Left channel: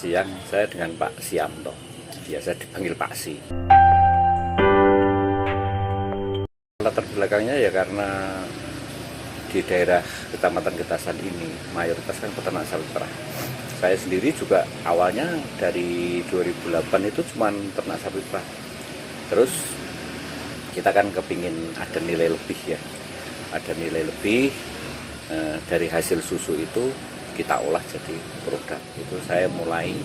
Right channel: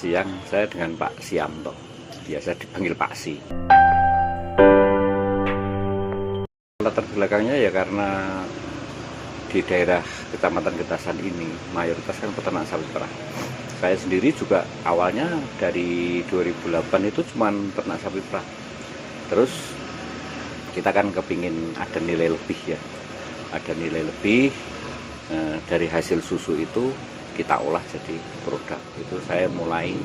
Siang saya dengan Pak Sianto, biasa dipanggil Pak Si. Latar belakangnya ya karena di daerah Kecamatan Getasan ini mayoritas kan peternak sapi perah. Saya sendiri juga awalnya dari 2008 itu cuma ternak sapi perah. Terus kita kan kepingin ada nilai lebih ya, ada nilai lebih dari hasil susu itu kita olah jadi produk. Itu saya mulai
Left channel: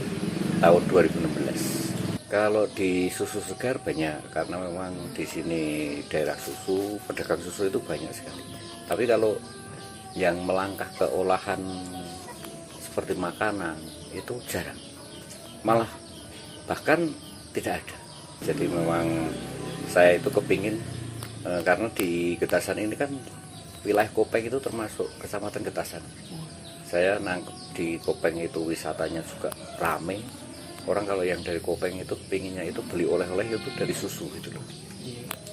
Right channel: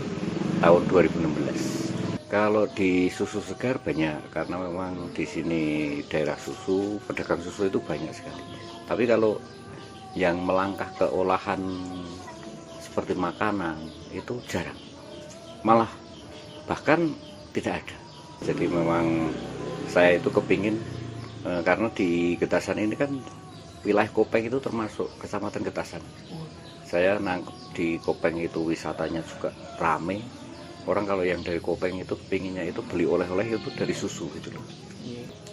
tahun 2016. Kalau di susu segar banyak, karena memang di sini daerah susu, pedagang susu itu banyak sekali. Tapi kalau yang melangkah ke olahan seperti makanan itu jarang, malah bahkan tidak ada. Jadi memang saya itu kepingin, karena di Getasan ini kan wilayah Kopeng itu termasuk Kecamatan Getasan. Saya nangkep di Kopeng itu wisatanya juga rame. Orang kalau yang dari Kopeng itu pinginnya itu beli oleh-oleh itu dari susu gitu loh.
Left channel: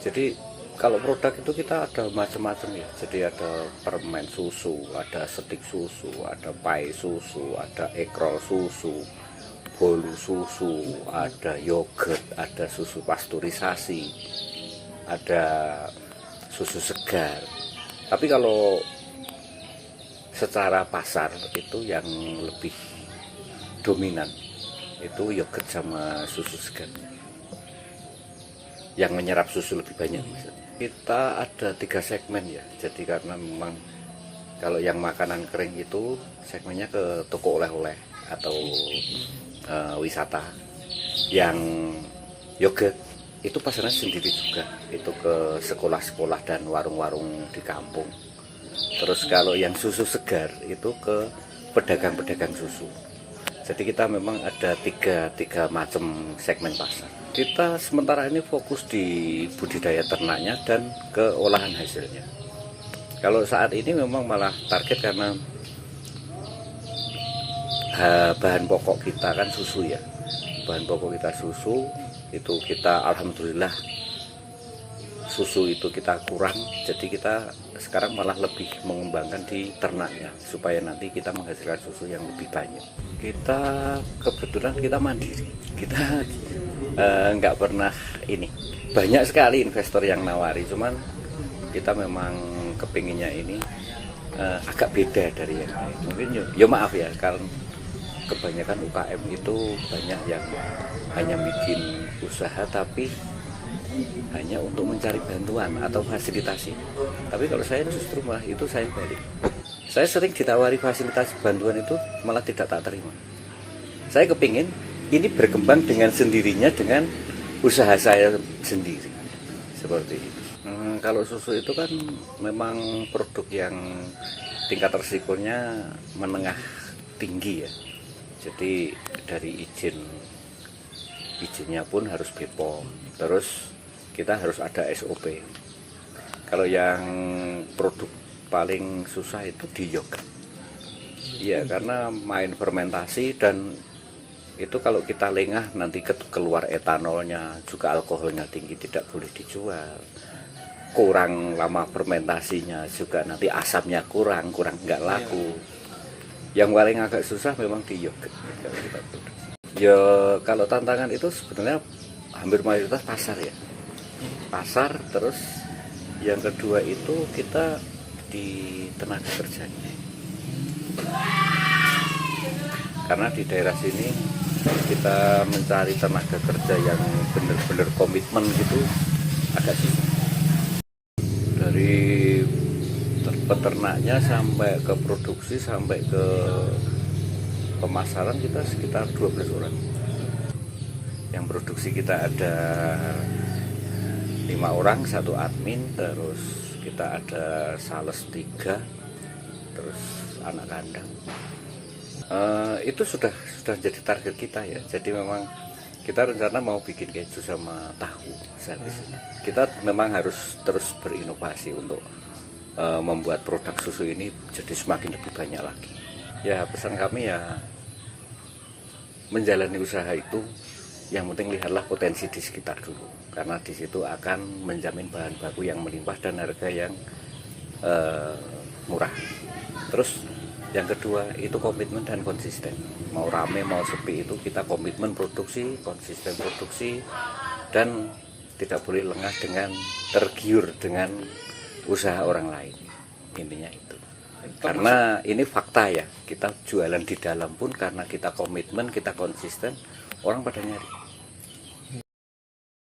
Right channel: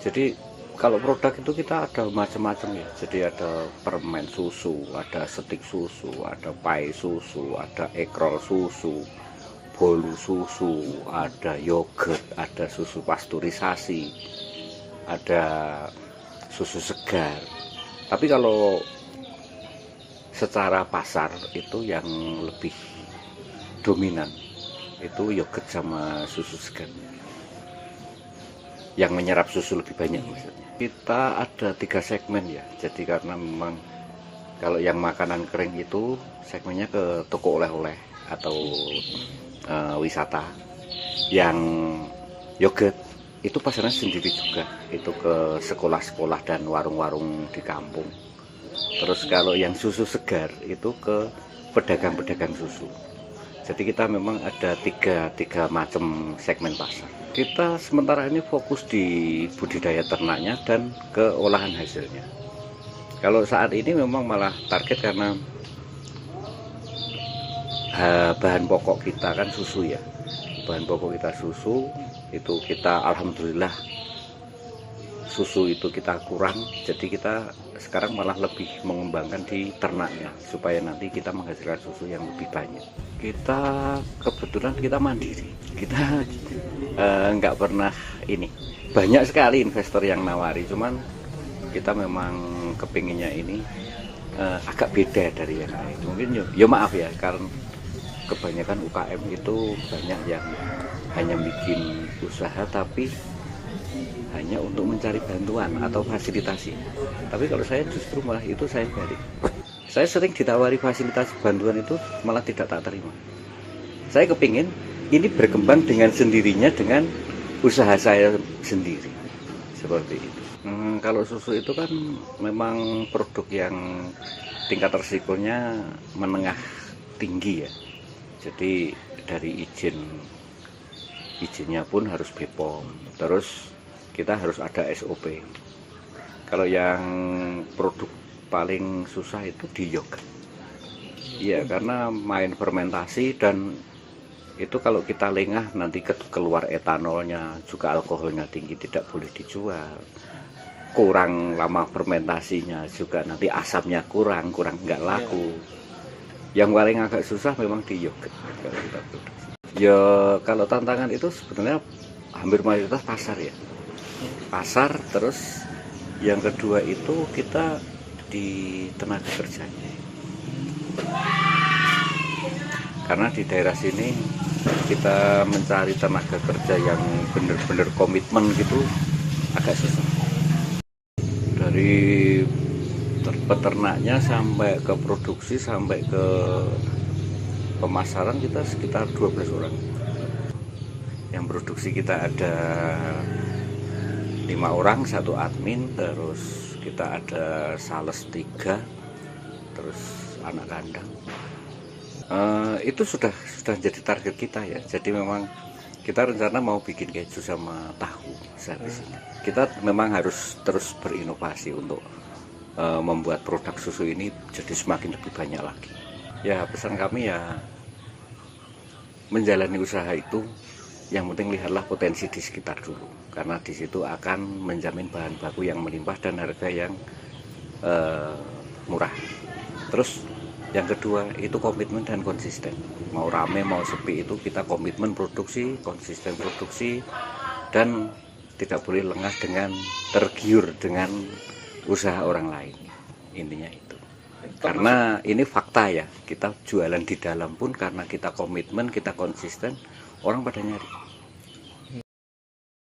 Jadi kalau produk itu kita ada macam-macam ya. Jadi ada permen susu, ada stik susu, ada pai susu, ada ekrol susu, bolu susu, ada yogurt, ada susu pasteurisasi, ada susu segar. Tapi kalau secara pasar itu yang lebih dominan itu yogurt sama susu segar, yang menyerap susu lebih banyak maksudnya. Kita ada 3 segmen ya, jadi karena memang kalau yang makanan kering itu segmennya ke toko oleh-oleh atau wisata. Yang yogurt itu pasarnya sendiri juga, itu ke sekolah-sekolah dan warung-warung di kampung. Terus kalau yang susu segar itu ke pedagang-pedagang susu. Jadi kita memang ada tiga macam segmen pasar. Kita sementara ini fokus di budidaya ternaknya dan ke olahan hasilnya. Kalau saat ini memang malah target karena bahan pokok kita kan susu ya. Bahan pokok kita susu, itu kita alhamdulillah susu itu kita kurang, jadi kita sekarang malah lebih mengembangkan di ternaknya supaya nanti kita menghasilkan susu yang lebih banyak. Kita kebetulan kita mandiri, kita nggak pernah ini, banyak sekali investor yang nawari, cuman kita memang kepinginnya ini agak beda dari yang lain. Mungkin ya maaf ya, karena kebanyakan UKM itu banyak yang hanya bikin usaha tapi hanya untuk mencari bantuan atau fasilitasi. Tapi kalau saya justru malah itu saya balik. Saya sering ditawari fasilitas bantuan itu malah tidak tak terima. Saya kepingin ini berkembang dengan sendirinya dengan usaha saya sendiri. Seperti itu. Kalau susu itu kan memang produk yang tingkat resikonya menengah tinggi ya. Jadi dari izinnya pun harus BPOM. Terus kita harus ada SOP. Kalau yang produk paling susah itu di yogurt. Iya, karena main fermentasi dan itu kalau kita lengah nanti keluar etanolnya, juga alkoholnya tinggi, tidak boleh dijual. Kurang lama fermentasinya juga nanti asapnya kurang nggak laku. Yang paling agak susah memang di yogurt kalau kita produksi. Ya kalau tantangan itu sebenarnya hampir mayoritas pasar ya. Pasar, terus yang kedua itu kita di tenaga kerjanya. Karena di daerah sini kita mencari tenaga kerja yang benar-benar komitmen gitu agak susah. Dari peternaknya sampai ke produksi sampai ke pemasaran kita sekitar 12 orang. Yang produksi kita ada 5 orang, 1 admin, terus kita ada sales 3, terus anak kandang. Itu sudah jadi target kita ya. Jadi memang kita rencana mau bikin keju sama tahu saat di sini. Kita memang harus terus berinovasi untuk membuat produk susu ini jadi semakin lebih banyak lagi. Ya pesan kami ya menjalani usaha itu yang penting lihatlah potensi di sekitar dulu, karena di situ akan menjamin bahan baku yang melimpah dan harga yang murah. Terus Yang kedua itu komitmen dan konsisten. Mau rame mau sepi itu kita komitmen produksi, konsisten produksi, dan tidak boleh lengah dengan tergiur dengan usaha orang lain. Intinya itu. Karena ini fakta ya, kita jualan di dalam pun karena kita komitmen, kita konsisten, orang pada nyari.